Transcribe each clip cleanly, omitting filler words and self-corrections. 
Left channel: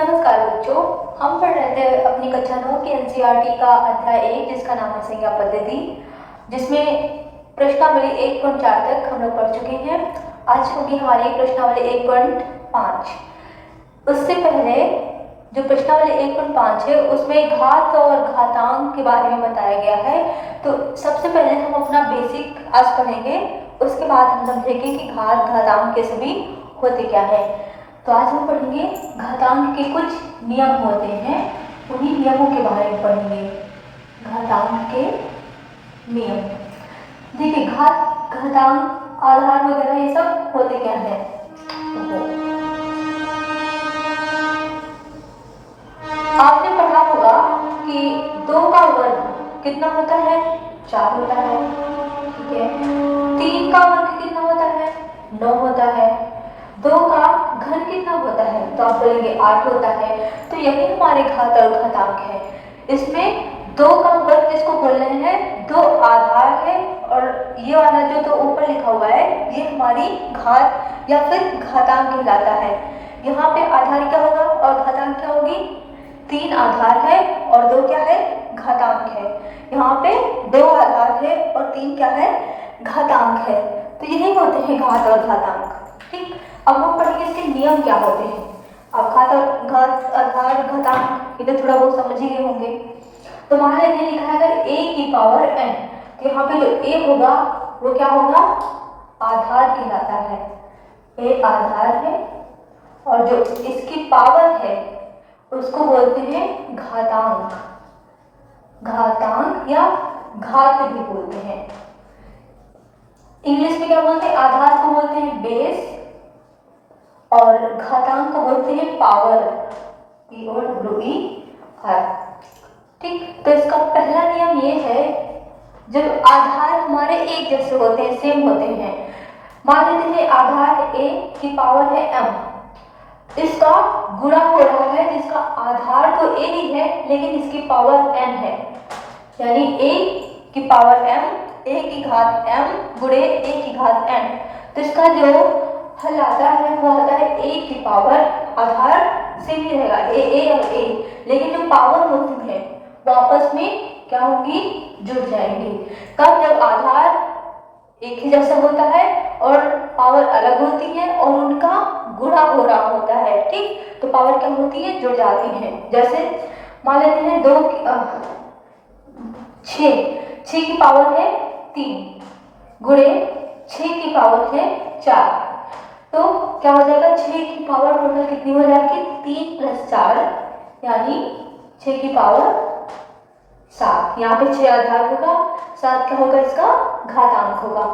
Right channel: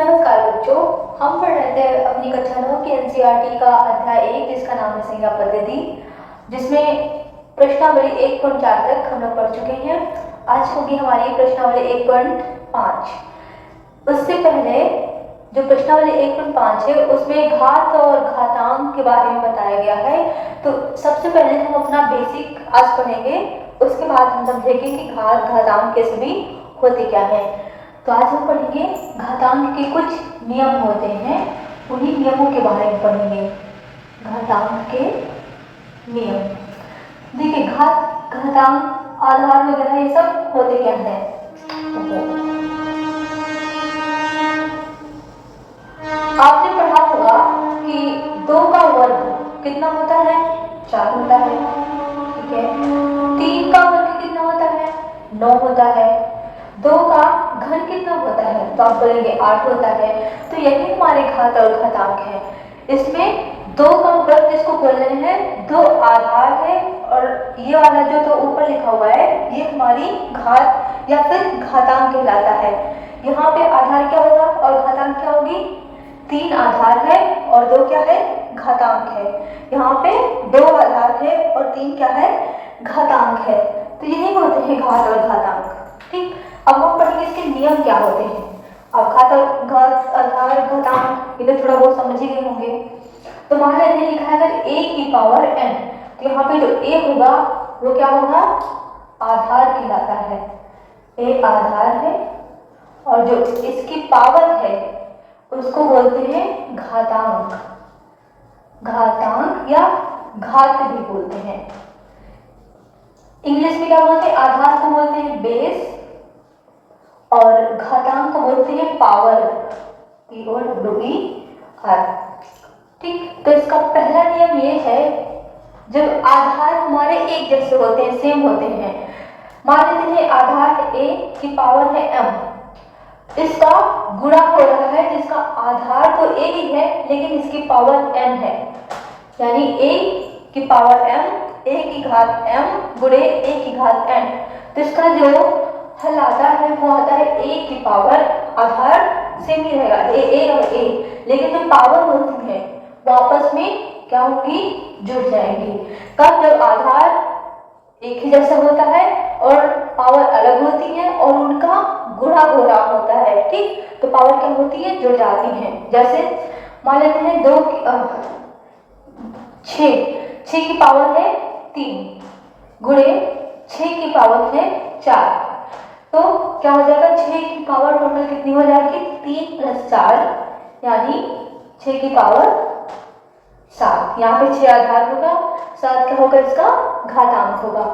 नमस्कार बच्चों, हम पढ़ रहे थे अपनी कक्षा 9 की एनसीईआरटी का अध्याय 1 जिसका नाम है संज्ञा पद्धति, जिसमें प्रश्नावली 1.4 तक हम लोग पढ़ चुके हैं। आज होगी हमारी प्रश्नावली 1.5। उससे पहले जो प्रश्नावली 1.5 है उसमें घात और घातांक के बारे में बताया गया है। तो सबसे पहले हम अपना बेसिक आज पढ़ेंगे, उसके बाद हम समझेंगे कि घात घातांक के सभी होते क्या है। तो आज हम पढ़ेंगे घातांक के कुछ नियम होते हैं, उन्हीं नियमों के बारे में पढ़ेंगे। घातांक के नियम, देखिए घात घातांक आधार वगैरह ये सब होते क्या है। आपने पढ़ा होगा कि 2 का वर्ग कितना होता है, 4 होता है, ठीक है। 3 का वर्ग कितना होता है, 9 होता है। 2 का घन कितना होता है, तो आप बोलेंगे 8 होता है। तो यही हमारे घात और घातांक है। इसमें 2 का वर्ग जिसको बोल रहे हैं 2 आधार है, और ये वाला जो तो ऊपर लिखा हुआ है ये हमारी घात या फिर घातांक कहलाता है। यहाँ पे आधार क्या होगा और घातांक क्या होगी, 3 आधार है और 2 क्या है, घातांक है। यहाँ पे 2 आधार है और 3 क्या है, घातांक है। तो यही होते हैं घात और घातांक, ठीक। अब हम पढ़ेंगे इसके नियम क्या होते हैं। अब घात और घात आधार घातांक ये तो थोड़ा बहुत समझ ही गए होंगे। तो मान लीजिए लिखा है अगर a की पावर n, तो यहाँ पे जो a होगा वो क्या होगा, आधार कहलाता है। a आधार है और जो इसकी पावर है उसको बोलते हैं घातांक। घातांक या घात भी बोलते हैं। इंग्लिश में क्या बोलते हैं, आधार को बोलते हैं बेस और घातांक को बोलते हैं पावर, POWER, ठीक। तो इसका पहला नियम ये है, जब आधार हमारे एक जैसे होते हैं, सेम होते हैं। मान लेते हैं आधार a की पावर है m, इसका गुणा हो रहा है जिसका आधार तो a ही है लेकिन इसकी पावर n है, यानी a की पावर m, a की घात m गुणे a की घात n। तो इसका जो हल आता है वो आता है a की पावर, आधार सेम ही रहेगा a और a, लेकिन जो पावर होती है वो आपस में क्या होगी, जुड़ जाएंगी। कब, जब आधार एक ही जैसा होता है और पावर अलग होती है और उनका गुणा हो रहा होता है, ठीक। तो पावर क्या होती है, जुड़ जाती है। जैसे मान लेते हैं 6 की पावर है 3 गुणे 6 की पावर है 4, तो क्या हो जाएगा, 6 की पावर टोटल कितनी हो जाएगी, 3 + 4 यानी 6 की पावर 7। यहाँ पे 6 आधार होगा, 7 क्या होगा, इसका घातांक होगा।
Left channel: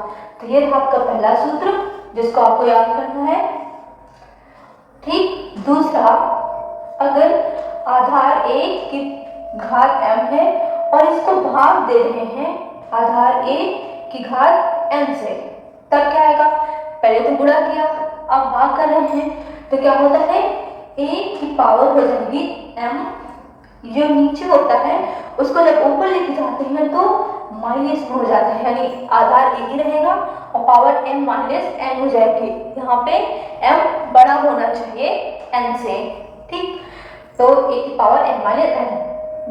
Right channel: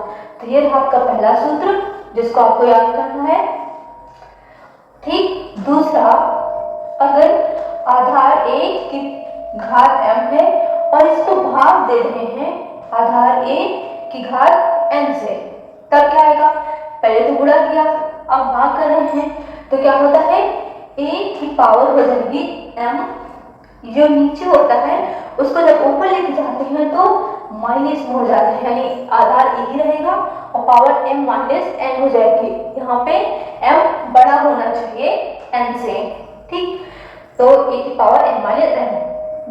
तो ये आपका पहला सूत्र जिसको आपको याद करना है, ठीक। दूसरा, अगर आधार a की घात m है और इसको भाग दे रहे हैं आधार a की घात n से, तब क्या आएगा, पहले तो गुणा किया अब भाग कर रहे हैं, तो क्या होता है, a की पावर हो जाएगी m, जो नीचे होता है उसको जब ऊपर लेके जाते हैं तो माइनस में हो जाता है, यानी आधार एक ही रहेगा और पावर m - n हो जाएगी। यहाँ पे m बड़ा होना चाहिए n से, ठीक। तो a की पावर m - n।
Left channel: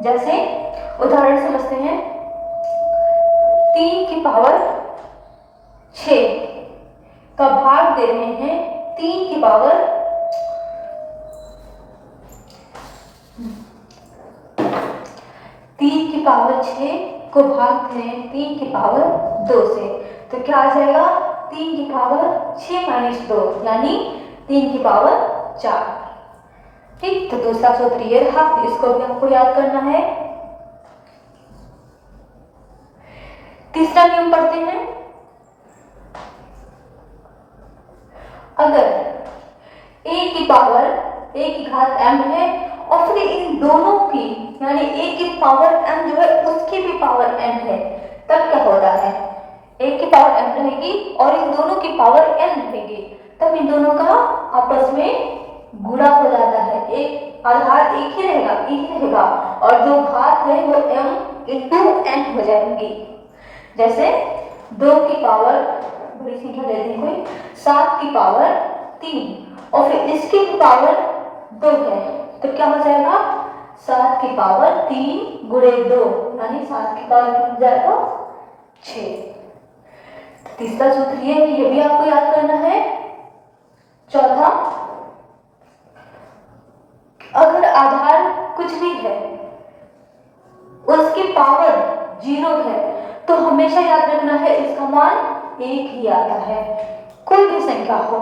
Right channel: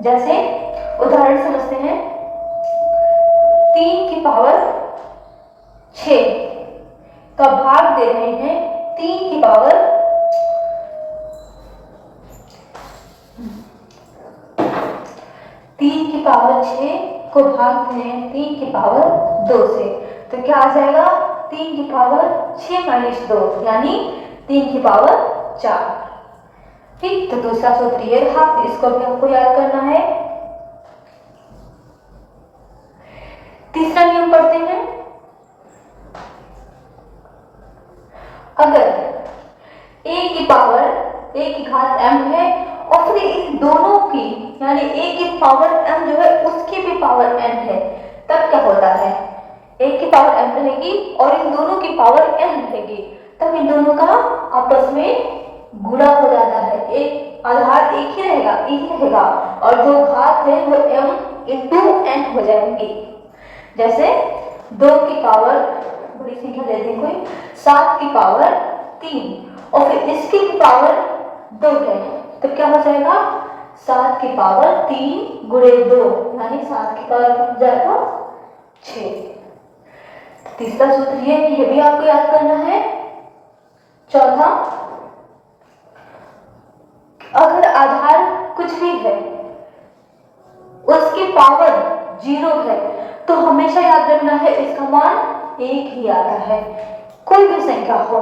जैसे उदाहरण समझते हैं, 3 की पावर 6 का भाग दे रहे हैं 3 की पावर 6 को भाग दें 3 की पावर 2 से, तो क्या आ जाएगा, 3 की पावर 6 - 2 यानी 3 की पावर 4, ठीक। तो दूसरा सूत्र ये रहा, इसको भी आपको याद करना है। तीसरा नियम पढ़ते हैं, अगर a की पावर a की घात m है और फिर इन दोनों की यानी a की पावर m जो है उसकी भी पावर n है, तब क्या होता है, a की पावर m रहेगी और इन दोनों की पावर n रहेगी, तब इन दोनों का आपस में गुणा हो जाता है। एक आधार एक ही रहेगा और जो घात है वो m × n हो जाएंगी। जैसे 2 की पावर, बड़ी संख्या ले लें कोई, 7 की पावर 3 और फिर इसकी पावर 2 है, तो क्या हो जाएगा 7 की पावर 3 गुणे 2 यानी 7 की पावर क्या हो जाएगा 6। तीसरा सूत्र ये भी आपको याद करना है। चौथा, अगर आधार कुछ भी है उसकी पावर 0 है तो हमेशा याद रखना है इसका मान 1 ही आता है। कोई भी संख्या हो,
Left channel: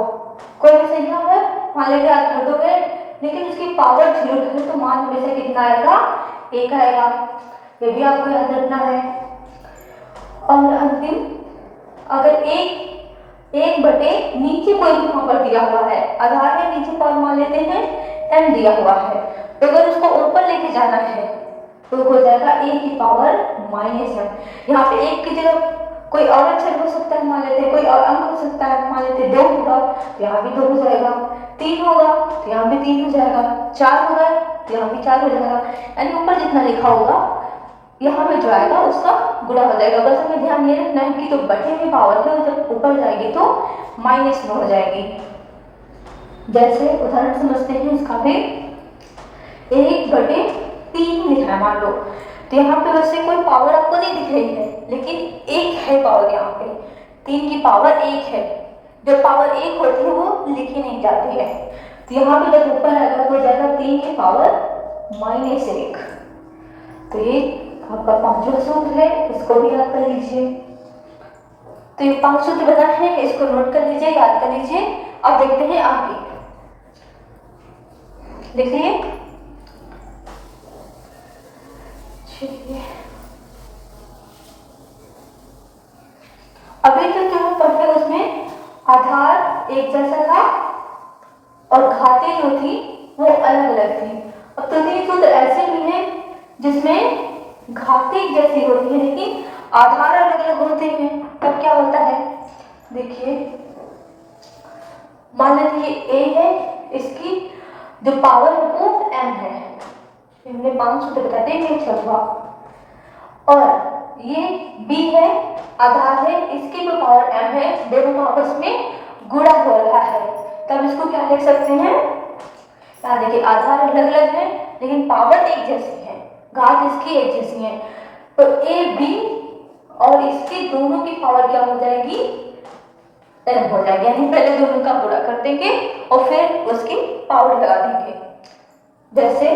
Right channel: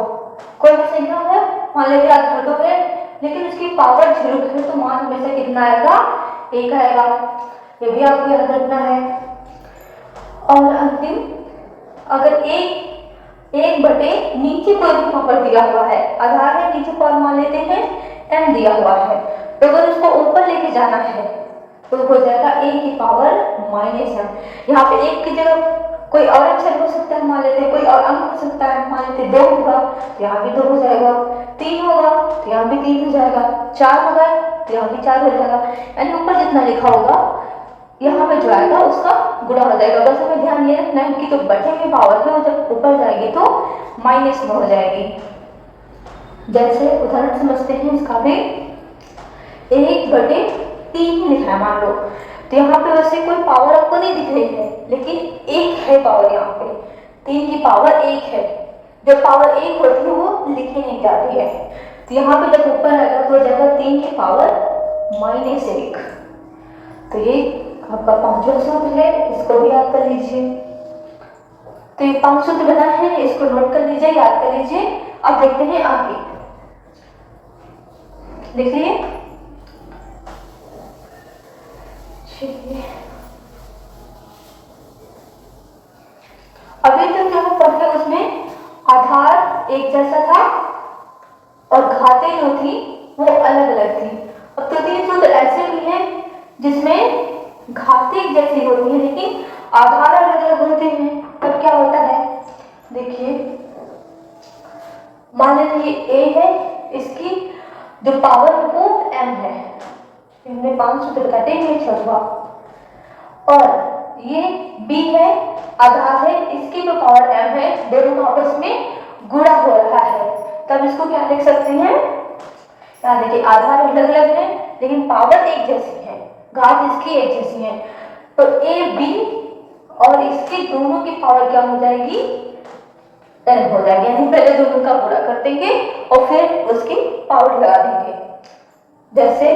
मान लीजिए आधार 2 है लेकिन उसकी पावर 0 है तो मान हमेशा कितना आएगा 1 आएगा। ये भी आपको याद रखना है। और अंतिम, अगर एक बटे नीचे कोई भी पावर दिया हुआ है, आधार है नीचे पावर मान लेते हैं m दिया हुआ है, तो अगर उसको ऊपर लेके जाना है तो हो जाएगा a की पावर -m। यहाँ पे 1 की जगह कोई और अक्षर हो सकता है, मान लेते हैं कोई और अंक हो सकता है, मान लेते 2 होगा तो यहाँ भी 2 हो जाएगा, 3 होगा तो यहाँ भी 3 हो जाएगा, 4 होगा तो यहाँ भी 4 हो जाएगा। यानी ऊपर जितना लिखा होगा यहाँ पे जो आएगा उसका गुणा हो जाएगा। बस हमें ध्यान ये रखना है कि जो बटे में पावर है वो जब ऊपर जाएगी तो माइनस में हो जाएगी। जैसे उदाहरण समझते हैं इसका भी, 1/3 लिखा है मान लो, तो यहाँ पे वैसे कोई पावर आपको नहीं दिख रही है लेकिन 1 है पावर, यहाँ पे 3 की पावर 1 है। जो पावर 1 होती है वो लिखी नहीं जाती है, तो यहाँ पे जब ऊपर आएगा तो हो जाएगा 3 की पावर -1। तो ये आपका 5वां सूत्र है, इसको भी याद कर लीजिए। तो ये 5 सूत्र बनाए हैं, इसको नोट कर लीजिए, याद कर लीजिए। अब देखते हैं आगे, देखिए अभी तक जो हम पढ़े उसमें आधार एक जैसा था और घातें जो थी वो अलग अलग थी। अब तो 3 सूत्र ऐसे भी हैं जिसमें घातें एक जैसी होती है लेकिन आधार अलग अलग होते हैं। तब क्या होता है, देखिए मान लीजिए a है, इसकी जो पावर है वो m है, इनमें 5 सूत्र बताते हैं, ये 6वां। और ये b है, आधार है, इसकी जो पावर m है, दोनों का आपस में गुणा हो रहा है। तब इसको क्या लिख सकते हैं, यहाँ देखिए आधार अलग अलग है लेकिन पावर एक जैसी है, घात इसकी एक जैसी है, तो a b और इसकी दोनों की पावर क्या हो जाएगी m हो जाएगी। यानी पहले दोनों का गुणा कर देंगे और फिर उसकी पावर लगा देंगे। जैसे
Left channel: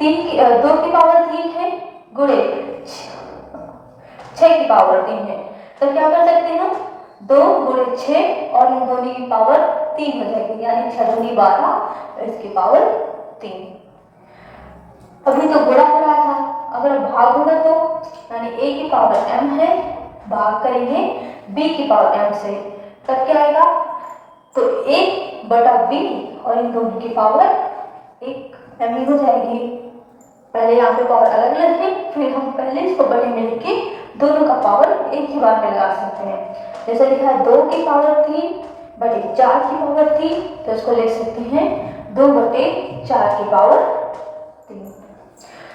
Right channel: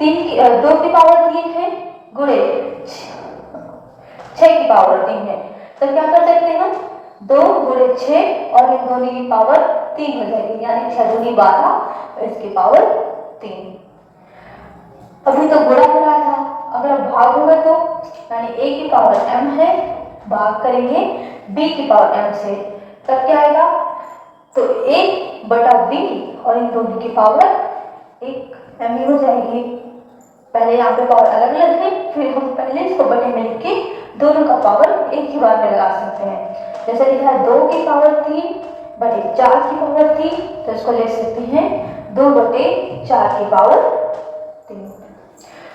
2 की पावर 3 है गुणे 6 की पावर 3 है, तो क्या कर सकते हैं हम 2 गुणे 6 और इन दोनों की पावर 3 हो जाएगी, यानी 6 दूनी 12 और इसकी पावर 3। अभी तो गुणा हो रहा था, अगर भाग होगा तो यानी a की पावर m है, भाग करेंगे b की पावर m से, तब क्या आएगा, तो 1/b और इन दोनों की पावर 1 m हो जाएगी। पहले यहाँ पे पावर अलग अलग है, फिर हम पहले इसको बटे में लिख के दोनों का पावर एक ही बार में लगा सकते हैं। जैसे लिखा है 2 की पावर 3/4 की पावर 3, तो इसको लिख सकते हैं 2/4 की पावर 3।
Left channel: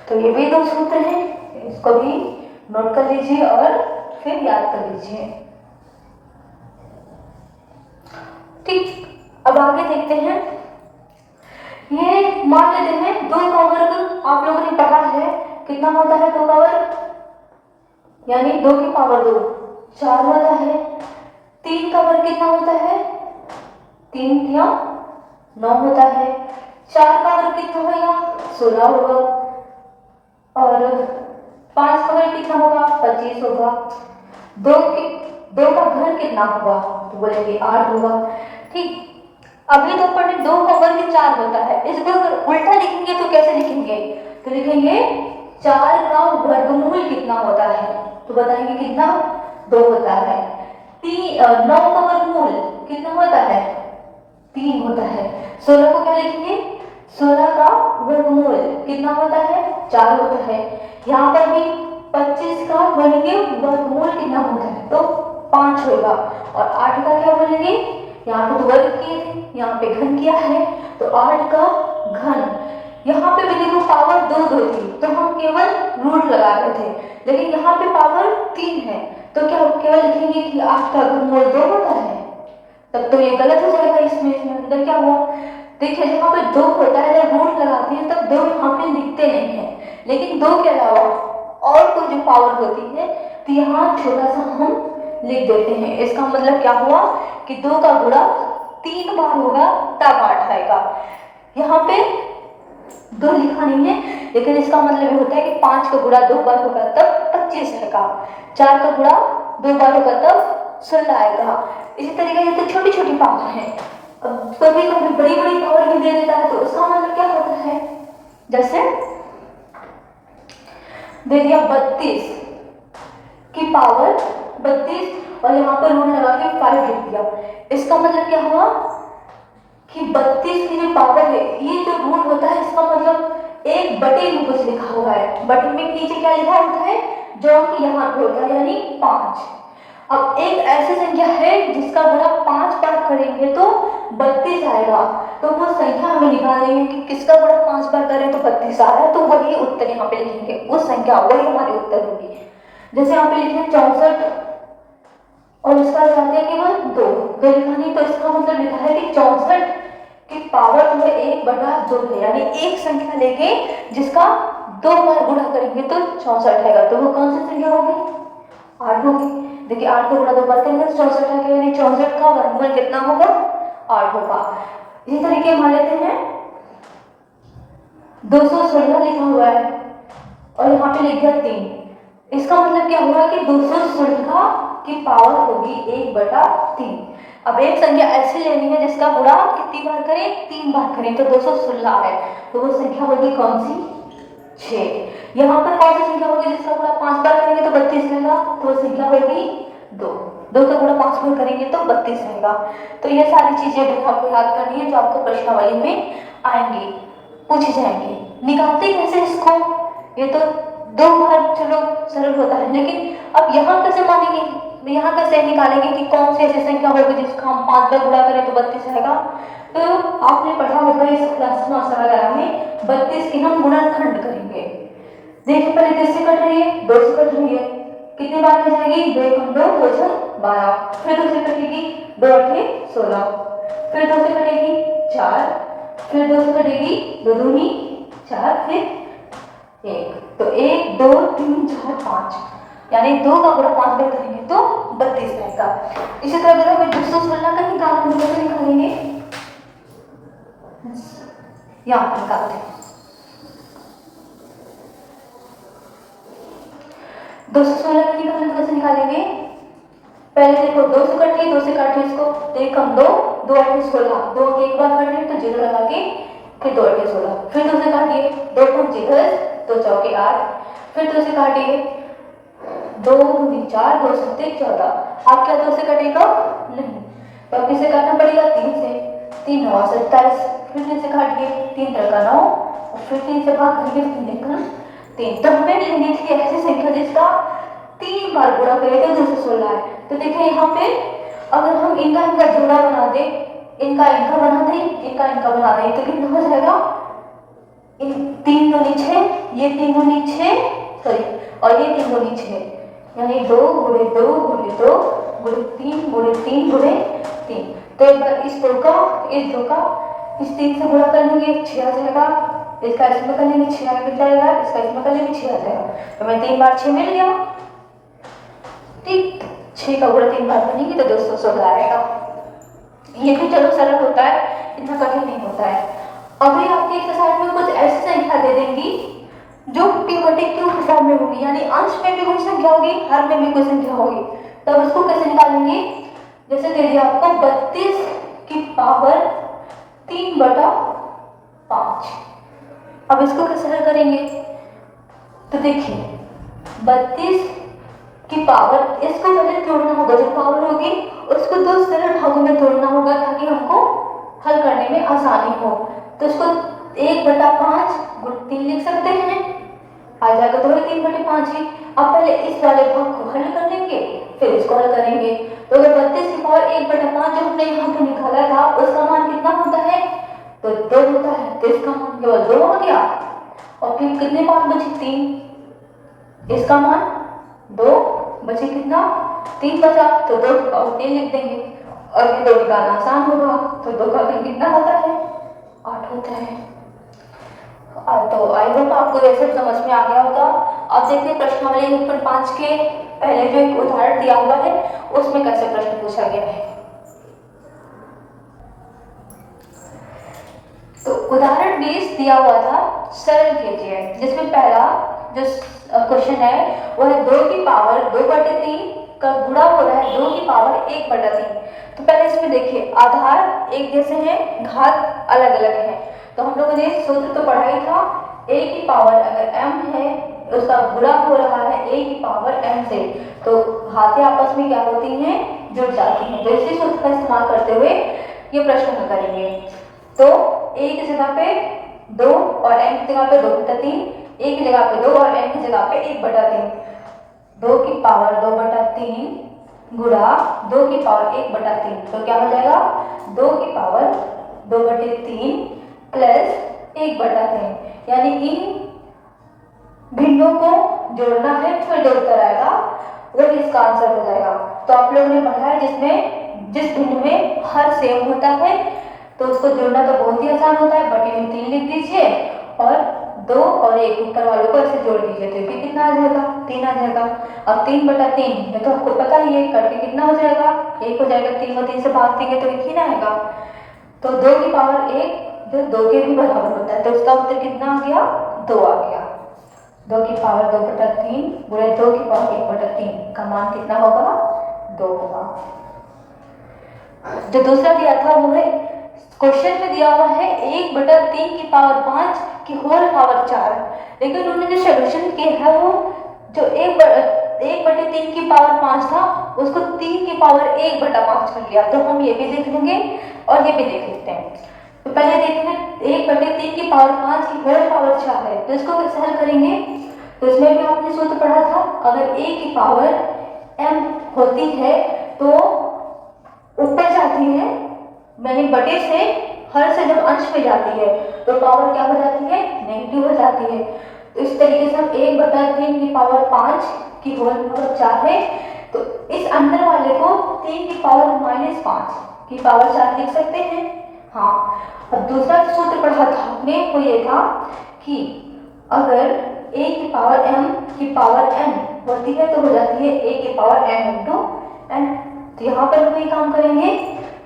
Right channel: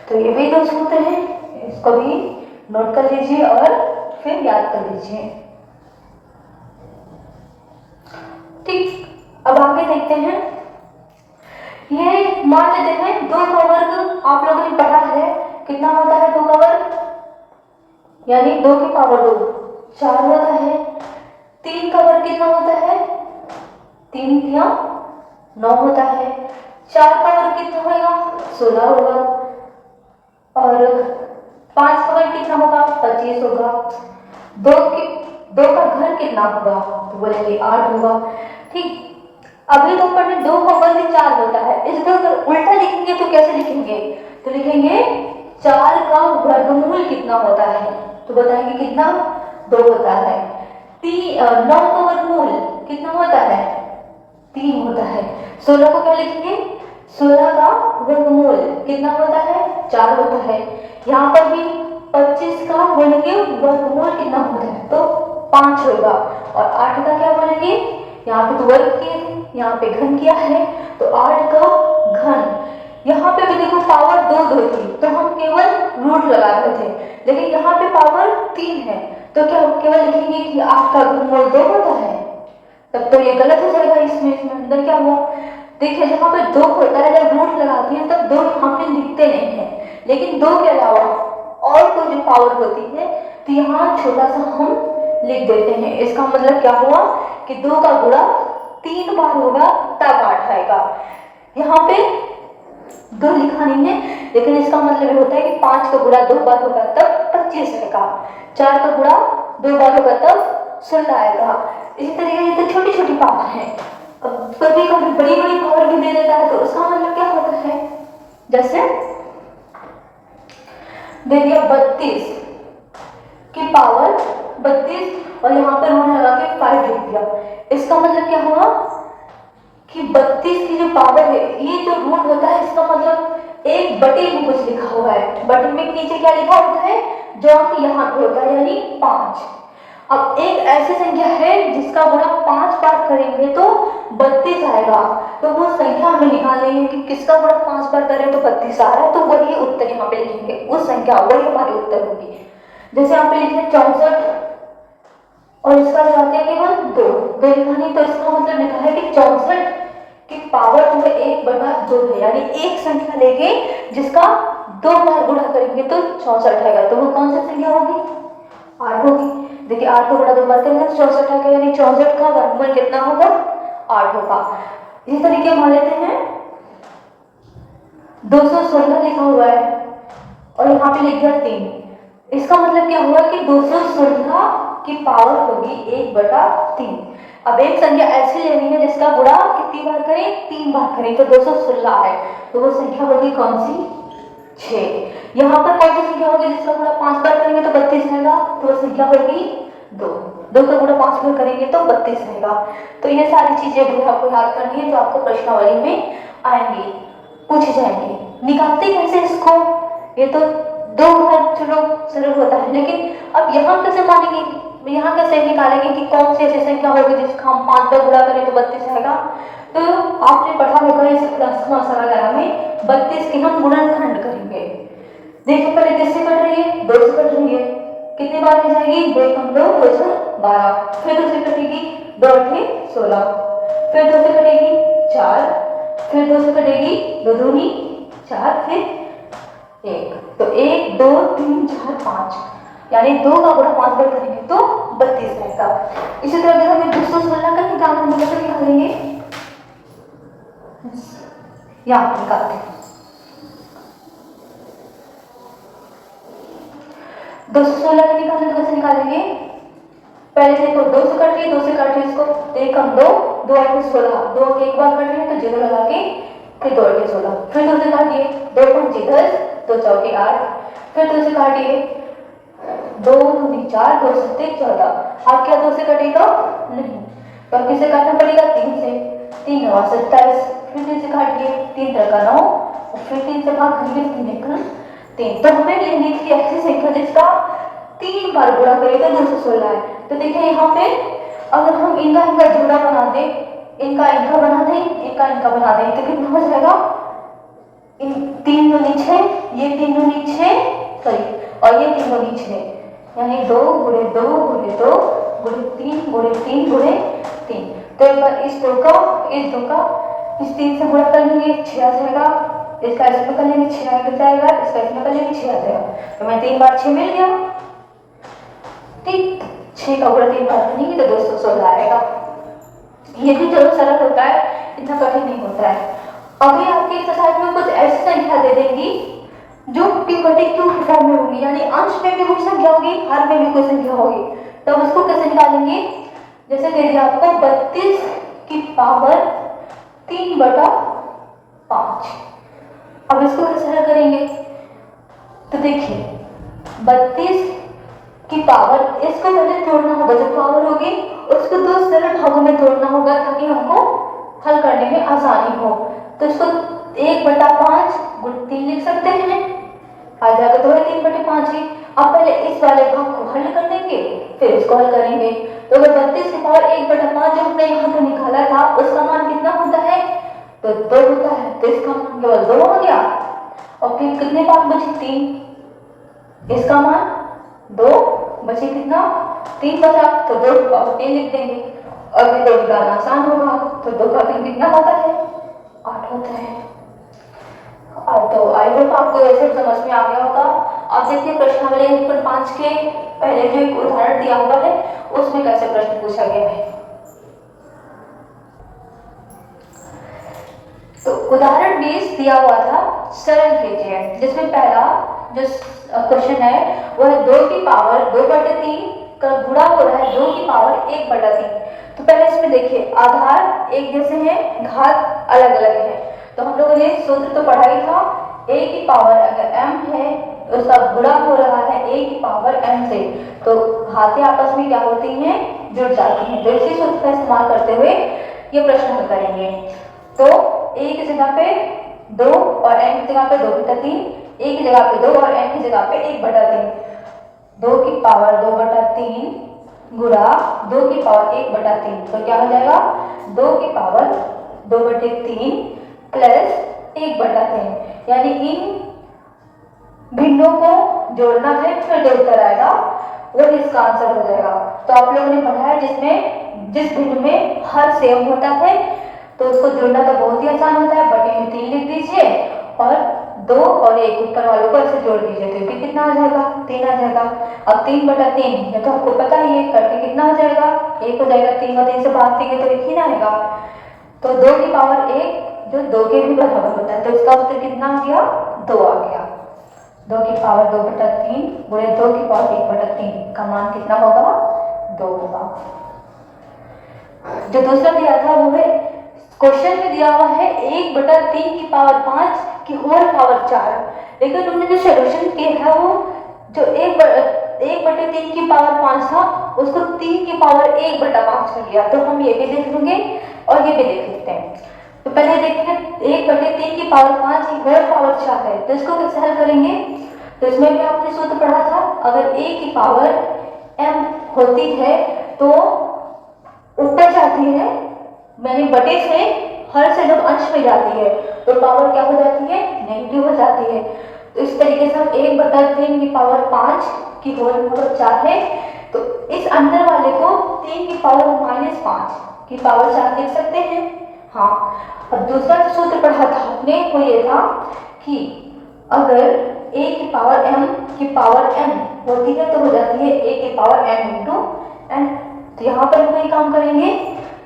तो ये भी 2 सूत्र हैं, इसको भी नोट कर लीजिए और फिर याद कर लीजिए। ठीक, अब आगे देखते हैं। ये मान लेते हैं 2 का वर्ग आप लोगों ने पढ़ा है, कितना होता है 2 का वर्ग, यानी 2 की पावर 2 4 होता है। 3 का वर्ग कितना होता है, 3 या 9 होता है। 4 का वर्ग कितना होगा, 16 होगा। और 5 का वर्ग कितना होगा, 25 होगा। 2 का घर कितना होगा, तो बोलेंगे 8 होगा। ठीक, अभी तक पढ़े 2 का वर्ग 4 होता है, इसको अगर उल्टा लिखेंगे तो कैसे लिखेंगे, तो लिखेंगे 4 का वर्गमूल कितना होता है, तो बताएंगे कितना 2 होता है। 9 का वर्गमूल कितना होता है, 3 होता है। 16 को क्या लिखेंगे, 16 का वर्गमूल कितना होता है, 4 होता है। यहाँ पर भी 25 का बोलेंगे वर्गमूल कितना होता है, तो 5 होगा। और 8 का क्या बोलेंगे, यहाँ पे तो वर्ग किए थे, यहाँ पे घन किया है, तो 8 का घन। यहाँ पे भी देखो पावर 2 थी तो हम केवल रूट लगा रहे थे, लेकिन यहाँ पे पावर 3 है तो क्या हम केवल लिखेंगे कि 8 का घनमूल 2 होता है, तब तो ये गलत हो जाएगा। इसमें अंदर क्या हुआ, देखिए जहाँ पे दो होता है, जब रूट लगाते हैं तब दो यहाँ पे लिखते नहीं है, लेकिन दो के अलावा और कोई भी पावर होती है तो यहाँ छोटा सा हम लिख देते हैं। इसका मतलब क्या हुआ कि दो का गुणा 3 बार होगा तब 8 आएगा। यहाँ पे दो लिखा नहीं है, लेकिन इसका मतलब ये होता है कि 5 का गुणा 2 बार होगा तब 25 आएगा, 4 का गुणा 2 बार होगा तब 16 आएगा। इसी तरीके से छोटी छोटी पावर है। अब कभी कभी बड़ी बड़ी पावर भी दे देता है तो उसका मतलब क्या होता है, जैसे दे दिया 32 की पावर 32 और यहाँ पे रूट लगा के 5 लिख दिया। इसका मतलब क्या हुआ कि 32 की जो पावर है, ये जो रूट होता है इसका मतलब एक बटे में कुछ लिखा हुआ है। बटे में नीचे क्या लिखा होता है, जो कि यहाँ पे होता है यानी 5। अब एक ऐसी संख्या है जिसका गुणा 5 बार करेंगे तो 32 आएगा, तो वो संख्या हमें निकालनी है कि किसका गुणा 5 बार करें तो 32 आ रहा है, तो वही उत्तर यहाँ पे लिखेंगे, उस संख्या वही हमारी उत्तर होगी। जैसे यहाँ पे लिखे 64 और इसका लगाते हैं केवल 2 लिखा नहीं, तो इसका मतलब लिखा है कि 64 की पावर जो है 1/2 है, यानी एक संख्या लेके जिसका 2 बार गुणा करेंगे तो 64 आएगा। तो वो कौन सी संख्या होगी, 8 होगी। देखिए 8 को गुणा 2 बार करेंगे तो 64 आएगा, यानी 64 का वर्गमूल कितना होगा, 8 होगा। इसी तरीके मान लेते हैं 216 लिखा हुआ है और यहाँ पे लिख दिया 3। इसका मतलब क्या हुआ कि 216 की पावर होगी 1/3। अब एक संख्या ऐसी लेनी है जिसका गुणा कितनी बार करें, 3 बार करें, तो 216 है, तो वो संख्या होगी कौन सी, 6। यहाँ पर कौन सी संख्या होगी जिसका गुणा 5 बार करेंगे तो 32 आएगा, तो वो संख्या होगी 2 का गुणा 5 बार करेंगे तो 32 आएगा। तो ये सारी चीजें भी आपको याद करनी है जो आपको प्रश्नावली में आएंगी, पूछी जाएंगी। निकालते कैसे इसको, ये तो 2 बार चलो सरल होता है, लेकिन अब यहाँ कैसे मानेंगे, यहाँ कैसे निकालेंगे कि कौन सी ऐसी संख्या होगी जिसका हम 5 बार गुणा करें तो 32 आएगा। तो आपने पढ़ा होगा इस क्लास वगैरह में 32 के हम गुणनखंड करेंगे। देखिए पहले किससे कट रही है, 2 से कट रही है, कितनी बार में जाएगी, 2 कम 2 2 से 12, फिर 2 से कटेगी 2 8 16, फिर 2 से कटेगी 4, फिर 2 से कटेगी 2 दूनी 4, फिर 1, तो 1 2 3 4 5, यानी 2 का गुणा 5 बार करेंगे तो 32 आएगा। इसी तरह अगर हमें 216 का निकालना है तो कैसे निकालेंगे, यहाँ निकालते हैं। 216 का निकालना तो कैसे निकालेंगे, पहले देखो 2 से कट रही, 2 से काटे इसको, 1 कम 2 2 8 16, 2 एक बार कट रहे तो 0 लगा के फिर 2 8 16, फिर 2 से काटिए, 2 5 10 2 चौके 8, फिर 2 से काटिए, 2 दूनी 4 2 7 14, आप क्या 2 से कटेगा नहीं, तो अब किसे काटना पड़ेगा, 3 से, 3 9 27, फिर 3 से काटिए, 3 3 का 9, फिर 3 से भाग करेंगे 3 1 3, तो हमें लेनी थी ऐसी संख्या जिसका 3 बार गुणा करेगा 216 है। तो देखिए यहाँ पे अगर हम इनका जोड़ा बना दे, इनका बना दें, इनका बना दें, तो कितना हो जाएगा, इन 3 दूनी 6, ये 3 दूनी 6 सॉरी, और ये 3 दूनी 6, यानी 2 गुणे 2 गुणे 2 गुणे 3 गुणे 3 गुणे 3। तो एक बार इस 2 का इस 3 से गुणा कर लेंगे 6 आ जाएगा, इसका इसमें कर लेंगे 6 आ जाएगा, इसका इसमें कर लेंगे 6 आ जाएगा, तो मैं 3 बार 6 मिल गया, ठीक, 6 का गुणा 3 बार करेंगे तो 216 आएगा। ये भी जरूर सरल होता है, इतना कठिन नहीं होता है। अभी आपके एक्सरसाइज में कुछ ऐसी संख्या दे देंगी जो टिमोटिक क्यूब फॉर्म में होगी, यानी अंश में भी कुछ संख्या होगी, हर में भी कोई संख्या होगी, तब उसको कैसे निकालेंगे, जैसे दे दिया आपको 32 की पावर 3/5, अब इसको कैसे हल करेंगे, तो देखिए 32 की पावर, इसको पहले तोड़ना होगा, जो पावर होगी उसको 2 सरल भागों में तोड़ना होगा ताकि हमको हल करने में आसानी हो। तो इसको 1/5 × 3 लिख सकते हैं, आ जाएगा तो 3/5 ही। अब पहले इस वाले भाग को हल कर देंगे, फिर इसको हल करेंगे। तो अगर 32 की पावर 1/5 जो हमने यहाँ पे निकाला था उसका मान कितना होता है, तो 2 होता है, तो इसका मान केवल 2 हो गया, और फिर कितने मान बचे, 3, इसका मान 2 बचे, कितना 3 बचा, तो 2 का 3 लिख देंगे, और ये 2 निकालना आसान होगा, तो 2 का 3 कितना होता है होता है। तो आई होप आपको ये सब समझ में आ गया होगा। अब देखिए प्रश्नावली 1.5 के पहले जो एक उदाहरण दिया हुआ है उसमें कैसे प्रश्न पूछा गया है। तो उदाहरण 20 दिया हुआ था सरल कीजिए, जिसमें पहला जो क्वेश्चन है वो है 2 की पावर 2/3 का गुणा हो रहा है 2 की पावर 1/3। तो पहले इसमें देखिए आधार एक जैसे हैं, घात अलग अलग है। तो हम लोगों ने सूत्र तो पढ़ा ही था, a की पावर अगर m है उसका गुणा हो रहा है a की पावर m से, तो घातें आपस में क्या होती हैं, जुड़ जाती हैं। तो इसी सूत्र का इस्तेमाल करते हुए ये प्रश्न हल करेंगे। तो a की जगह पे 2 और n की जगह पे 2/3, a की जगह पे 2 और n की जगह पे 1/3। 2 की पावर 2/3 गुणा 2 की पावर 1/3, तो क्या हो जाएगा 2 की पावर 2/3 प्लस 1/3, यानी इन भिन्नों को जोड़ना है फिर जो उत्तर आएगा वो इसका आंसर हो जाएगा। तो आप लोगों ने पढ़ा है जिसमें जिस भिन्न में हर सेम होता है तो उसको जोड़ना तो बहुत ही आसान होता है, बटे में 3 लिख दीजिए और 2 और 1 ऊपर वालों को ऐसे जोड़ दीजिए, तो ये कितना आ जाएगा 3 आ जाएगा। अब 3/3 ये तो आपको पता ही है, करके कितना हो जाएगा 1 हो जाएगा, 3 और 3 से भाग देंगे तो 1 ही ना आएगा। तो 2 की पावर 1 जो 2 के भी बराबर होता है, तो इसका उत्तर कितना आ गया 2 आ गया। 2 की पावर 2/3 गुणे 2 की पावर 1/3 का मान कितना होगा 2 होगा। जो दूसरा दिया था वो है क्वेश्चन में दिया हुआ है 1/3 की पावर 5 की होल पावर 4, लेकिन उन्होंने जो सोल्यूशन किया है वो जो 1/3 की पावर 5 था उसको 3 की पावर 1/5 कर लिया। तो हम ये भी देख लेंगे और ये भी देख लेते हैं। तो पहले देखेंगे 1/3 की पावर 5 की होल पावर 4 है, तो इसको कैसे हल करेंगे। तो इसमें भी आपने सूत्र पढ़ा था, अगर a की पावर m होती है तो ऊपर जाती है, यानी बटे से हर से जब अंश में जाती है तो पावर क्या हो जाती है नेगेटिव हो जाती है। तो इस तरीके से हम 1/3 की पावर 5 की होल पावर 4 है, तो इस अंदर वाले को 3 की पावर -5 की पावर 4 लिख सकते हैं। हाँ, अब दूसरा सूत्र पढ़ा था आपने वो ये था कि अगर a की पावर m की पावर n होती है तो हो जाती है a की पावर m इंटू n। तो यहाँ पर हम वही काम करेंगे,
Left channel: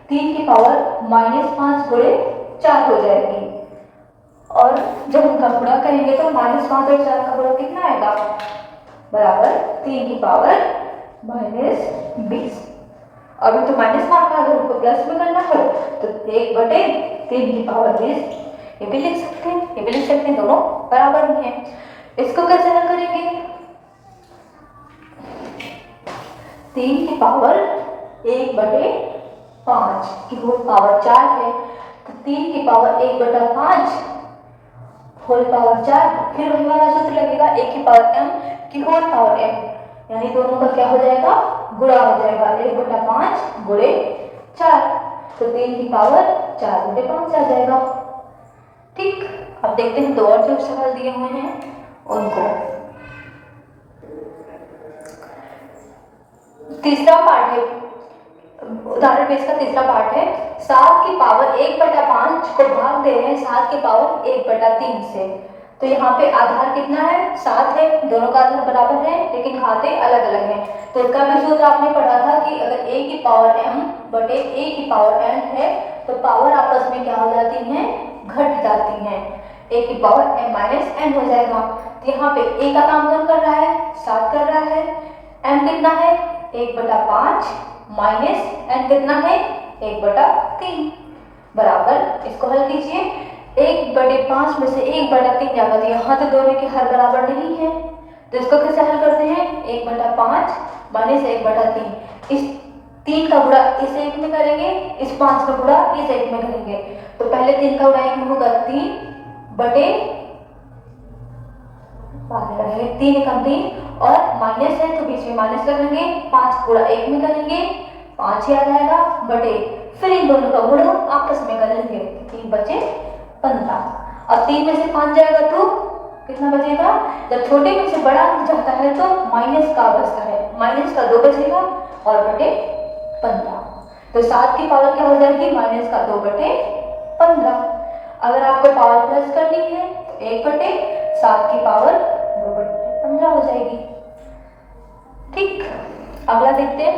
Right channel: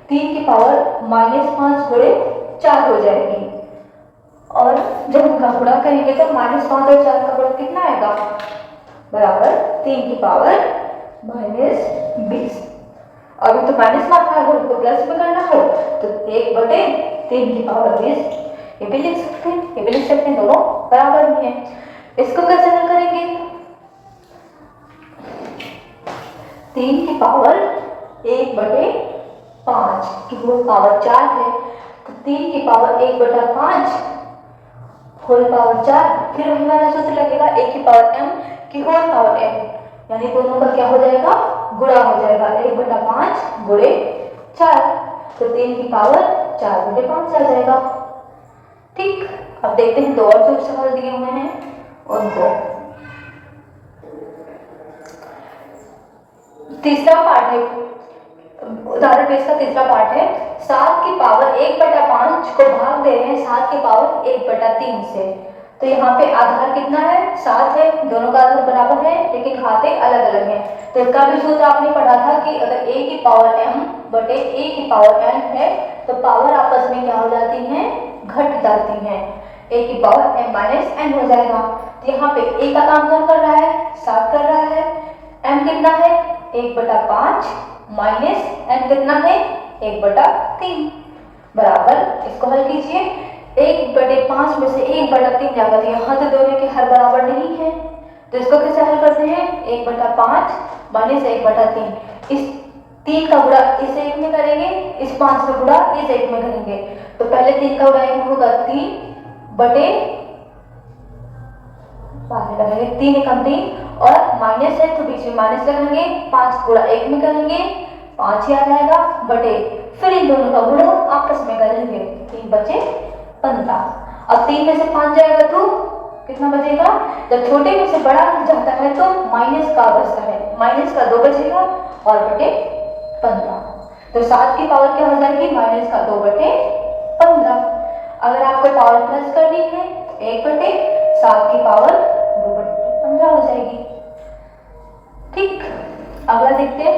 3 की पावर -5 गुणे 4 हो जाएगी, और जब उनका गुणा करेंगे तो -5 और 4 का गुणा कितना आएगा बराबर 3 की पावर -20। अभी तो माइनस मारना है, अगर उनको प्लस में करना हो तो 1/3 की पावर 20 ये भी लिख सकते हैं, ये भी लिख सकते हैं, दोनों बराबर ही हैं। इसको कैसे हल करेंगे, 3 की पावर 1/5 की होल पावर 4 है, तो 3 की पावर 1/5 होल पावर 4, फिर वही वाला सूत्र लगेगा a की पावर m की होल पावर m, यानी दोनों का क्या हो जाएगा गुणा हो जाएगा 1/5 गुणे 4, तो 3 की पावर 4 गुणे 5 आ जाएगा। ठीक, अब देखते हैं दो और जो सवाल दिए हुए हैं उनको। तीसरा पार्ट है, उदाहरण 20 का तीसरा पार्ट है, 7 की पावर 1/5 को भाग दे रहे हैं 7 की पावर 1/3 से। तो यहाँ पे आधार कितना है 7 है, दोनों का आधार बराबर है लेकिन घातें अलग अलग हैं। तो इसका भी सूत्र आपने पढ़ा था कि अगर a की पावर m बटे a की पावर n है तो पावर आपस में क्या हो जाती हैं घट जाती हैं, a की पावर m माइनस n हो जाएगा। तो यहाँ पे a का काम कौन कर रहा है 7 कर रहा है, m कितना है 1/5 माइनस n कितना है 1/3 बराबर, इसको हल कीजिए 1/5 में से 1/3 जाएगा, तो यहाँ तो दोनों के हर बराबर नहीं है, तो इसको कैसे हल करते हैं 1/5 माइनस 1/3, इस 3 का गुणा इस एक में करेंगे, इस 5 का गुणा इस एक में करेंगे, तो पहले 3 का गुणा एक में होगा 3 बटे 3 एकम 3 और माइनस है तो बीच में माइनस लगाएंगे, 5 गुणा 1 में करेंगे 5 ही आ जाएगा बटे, फिर इन दोनों का गुणा आपस में करेंगे, 3 बचे 15। अब 3 में से 5 जाएगा तो कितना बचेगा, जब छोटे में से बड़ा जाता है तो माइनस का बचता है, माइनस का 2 बचेगा और बटे 15, तो 7 की पावर क्या हो जाएगी -2/15। अगर आप आपको पावर प्लस करनी है, 1/7 की पावर 2/15 हो जाएगी। ठीक, अगला देखते हैं।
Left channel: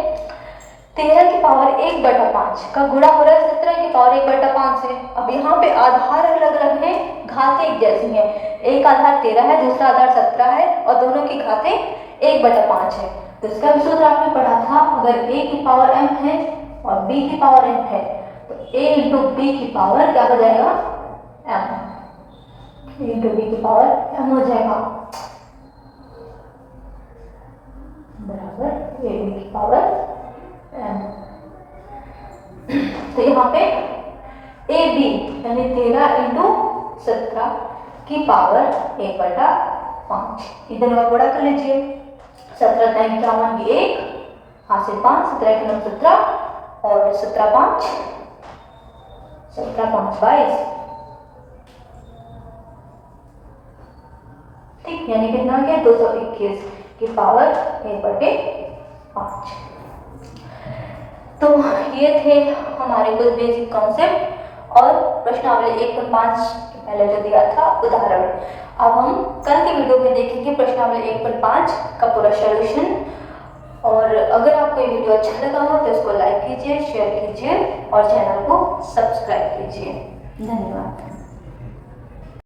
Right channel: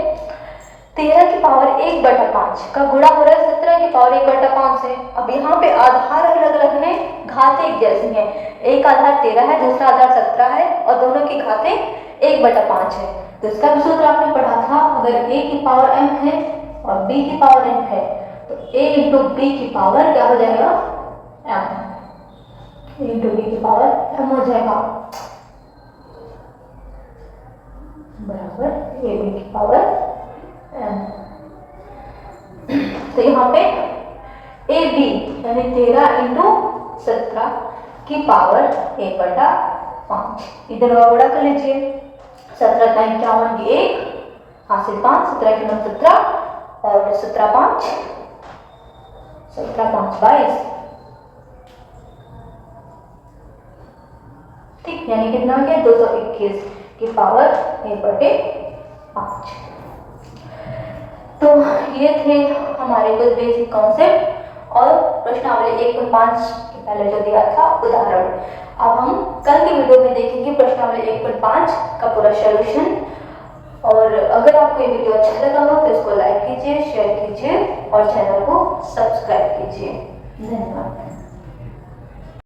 13 की पावर 1/5 का गुणा हो रहा है 17 की पावर 1/5 से। अब यहाँ पे आधार अलग अलग है, घातें एक जैसी हैं। एक आधार 13 है, दूसरा आधार 17 है और दोनों की घातें 1/5 है। तो इसका भी सूत्र आपने पढ़ा था, अगर a की पावर m है और b की पावर n है तो a इंटू b की पावर क्या हो जाएगा, m इंटू b की पावर m हो जाएगा, बराबर a b की पावर m। तो यहाँ पे ए बी यानी 13 इंटू 17 की पावर 1/5, इधर का गुणा कर लीजिए। 17 का 51 की 1, हासिल 5, 17 के 9 17 और 17 5 22। ठीक, यानी कितना आ गया 221 की पावर 1/5। तो ये थे हमारे कुछ बेसिक कॉन्सेप्ट और प्रश्नावली 1.5 के पहले जो दिया था उदाहरण। अब हम कल के वीडियो में देखेंगे प्रश्नावली 1.5 का पूरा सॉल्यूशन। और अगर आपको ये वीडियो अच्छा लगा हो तो इसको लाइक कीजिए, शेयर कीजिए और चैनल को सब्सक्राइब कीजिए। धन्यवाद।